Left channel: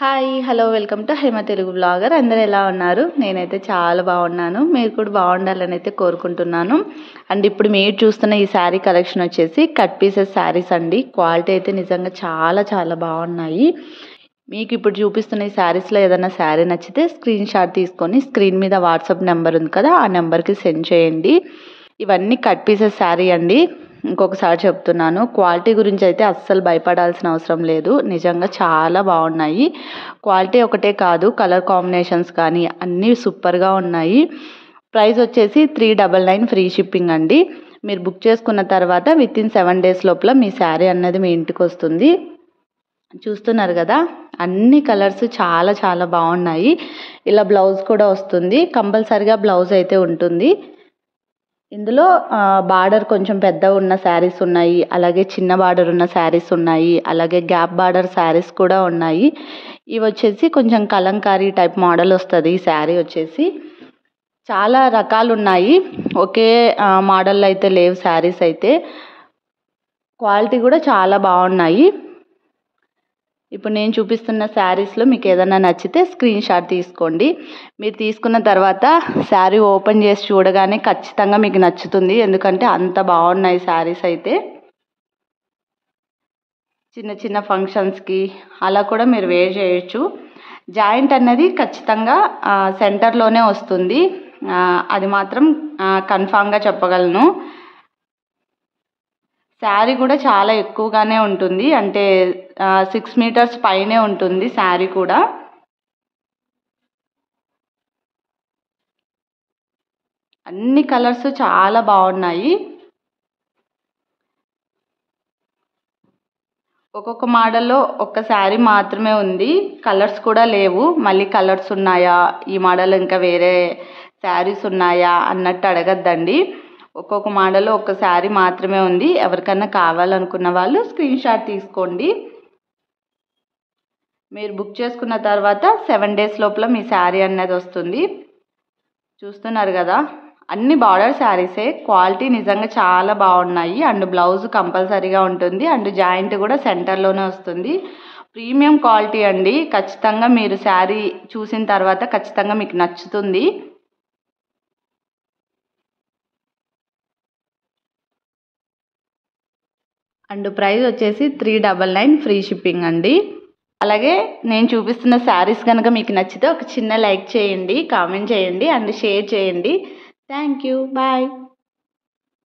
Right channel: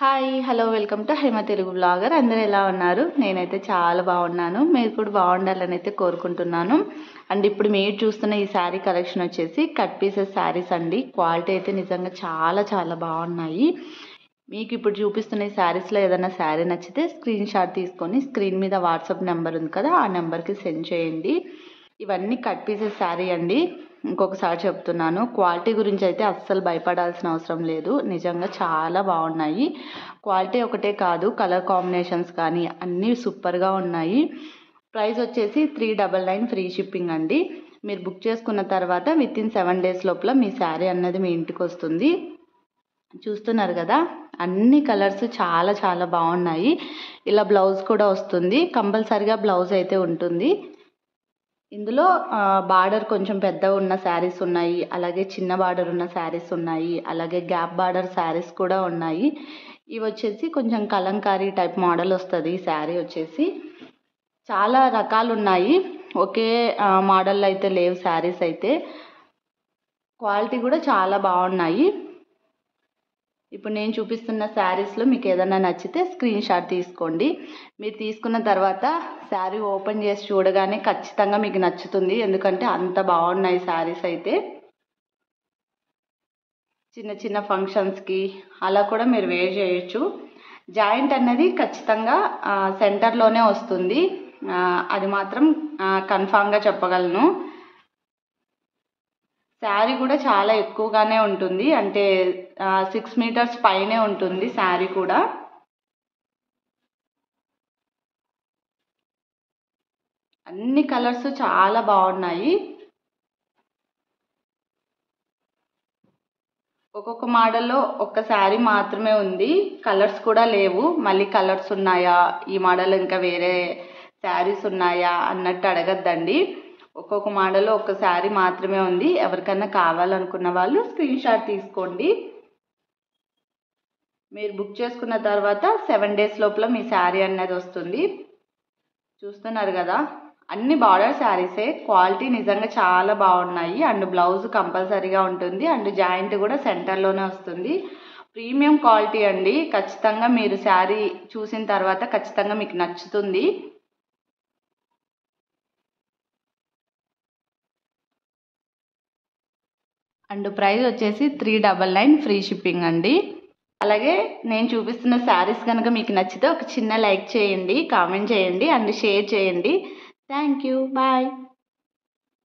Hi hello welcome to Hema Telugu blogger. అందరూ ఎలా ఉన్నారు? నేనైతే చాలా బాగున్నాను. మీరు కూడా బాగుండాలని అయితే కోరుకుంటున్నాను. అండ్ ఇప్పుడు మీరు చూస్తున్న ఈ శారీ కలెక్షన్ వచ్చేసి కట్ పీసెస్ శారీస్ అండి. క్వాలిటీ అయితే నిజంగా చాలా చాలా బాగున్నాయి. మీకు ఇప్పుడు చూపిస్తున్న ఈ శారీస్లో ఏదైనా శారీ నచ్చితే స్క్రీన్ షాట్ తీసుకొని స్క్రీన్ మీద వాట్సాప్ నెంబర్ ఉంది కదా, ఆ నెంబర్కి సెండ్ చేయండి. ఇవన్నీ కట్ పీసెస్ శారీ అండి. ఇంకొకసారి చెప్తున్నాను, క్వాలిటీ గురించి అయితే అస్సలు భయపడాల్సిన అవసరం లేదు. నిజంగా చాలా బాగున్నాయి. క్వాలిటీ ఒకటే కాదు, కలర్ కాంబినేషన్స్ కానీ అన్నీ సూపర్గా ఉన్నాయి. ప్రైస్ వచ్చేసి 399 ఫ్రీ షిప్పింగ్ అండి. మీరు బుక్ చేసుకున్న తర్వాత వితిన్ 7 days లోపల మీ శారీ అన్నది మీ ఇంటికి వస్తుంది. చూస్తున్నారు కదా, అన్ని కలర్స్ చాలా చాలా బాగున్నాయి. ఇలా బ్లౌజ్ కూడా వస్తుంది, కంపల్సరిగా బ్లౌజ్ అయితే ఉంటుంది. ఇందులో బార్డర్ కొంచెం పెద్ద ఉన్న శారీస్ ఉన్నాయి, అలాగే చిన్న బార్డర్ ఉన్న శారీస్ ఉన్నాయి, అలాగే గ్యాప్ బార్డర్ శారీస్ కూడా ఉన్నాయి. ఇవి వచ్చేసి కొంచెం కలంకారీ టైప్ మోడల్ వస్తుంది. ఈ శారీ వచ్చేసి చాలా రకాలు ఉన్నాయి, ఒకే మోడల్లో అయితే లేవు శారీస్ అయితే. క్వాలిటీ కూడా చాలా బాగున్నాయి. ఇప్పుడు నేను చూపిస్తున్న శారీస్లో మీకు ఏదైనా నచ్చితే స్క్రీన్ షాట్ తీసుకోండి. మీరు తీసుకున్న తర్వాత శారీ ఓపెన్ చేసి చూడగానే ఖచ్చితంగా మీకు నచ్చుతుంది, ఎందుకంటే అంత బాగున్నాయి శారీస్ అయితే. చిన్న చిన్న ఫంక్షన్స్కి అలా కూడా మీరు వేర్ చేయొచ్చు. జాయింట్ అన్నది ఖచ్చితంగా సెంటర్లోనే వస్తుంది, అది మాత్రం కన్ఫామ్గా చెప్పగలను. శారీ కూడా చాలా ఎక్కువగానే ఉంటుంది, అంటే 6 meters పైనే ఉంటుంది శారీ కూడా. అన్ని కలర్స్ చాలా బాగున్నాయి. ఒక్కొక్క మోడల్లో ఒక్క శారీ మాత్రమే ఉంది, కలర్స్ కూడా లేవు. మళ్ళీ కలర్స్ ఉన్నాయా, ఈ మోడల్ ఇంకా వేరే శారీస్ ఉన్నాయా అన్నట్టు అడగద్దండి. ఒక్కొక్క మోడల్లో ఒక్క శారీ మాత్రమే ఉంది. ఎవరికైనా కావాలనుకున్న వాళ్ళు స్క్రీన్ షాట్ తీసుకోండి. మీరు బుక్ చేసుకున్న తర్వాత 7 days లోపల మీ శారీ అన్నది వస్తుంది. చూస్తున్నారు కదా, అన్ని బార్డర్ శారీసే. క్వాలిటీ నిజంగా చాలా బాగున్నాయి. అండ్ బ్లౌజ్ కంపల్సరీగా ఉంటుంది, అండ్ జాయింట్ కూడా సెంటర్లోనే వస్తుంది. ప్రీమియం క్వాలిటీ అండి. ఖచ్చితంగా మీరు శారీ చూసిన తర్వాత ఖచ్చితంగా మీకు నచ్చుతుంది. అండ్ ప్రైస్ వచ్చేసి 399 ఫ్రీ షిప్పింగ్ అండి. అలాగే నేను చూపిస్తున్న శారీస్ కనుక మీకు నచ్చితే ఒక చిన్న లైక్ చేయండి, కామెంట్ చేయండి అండ్ షేర్ చేయండి. Thank you, bye.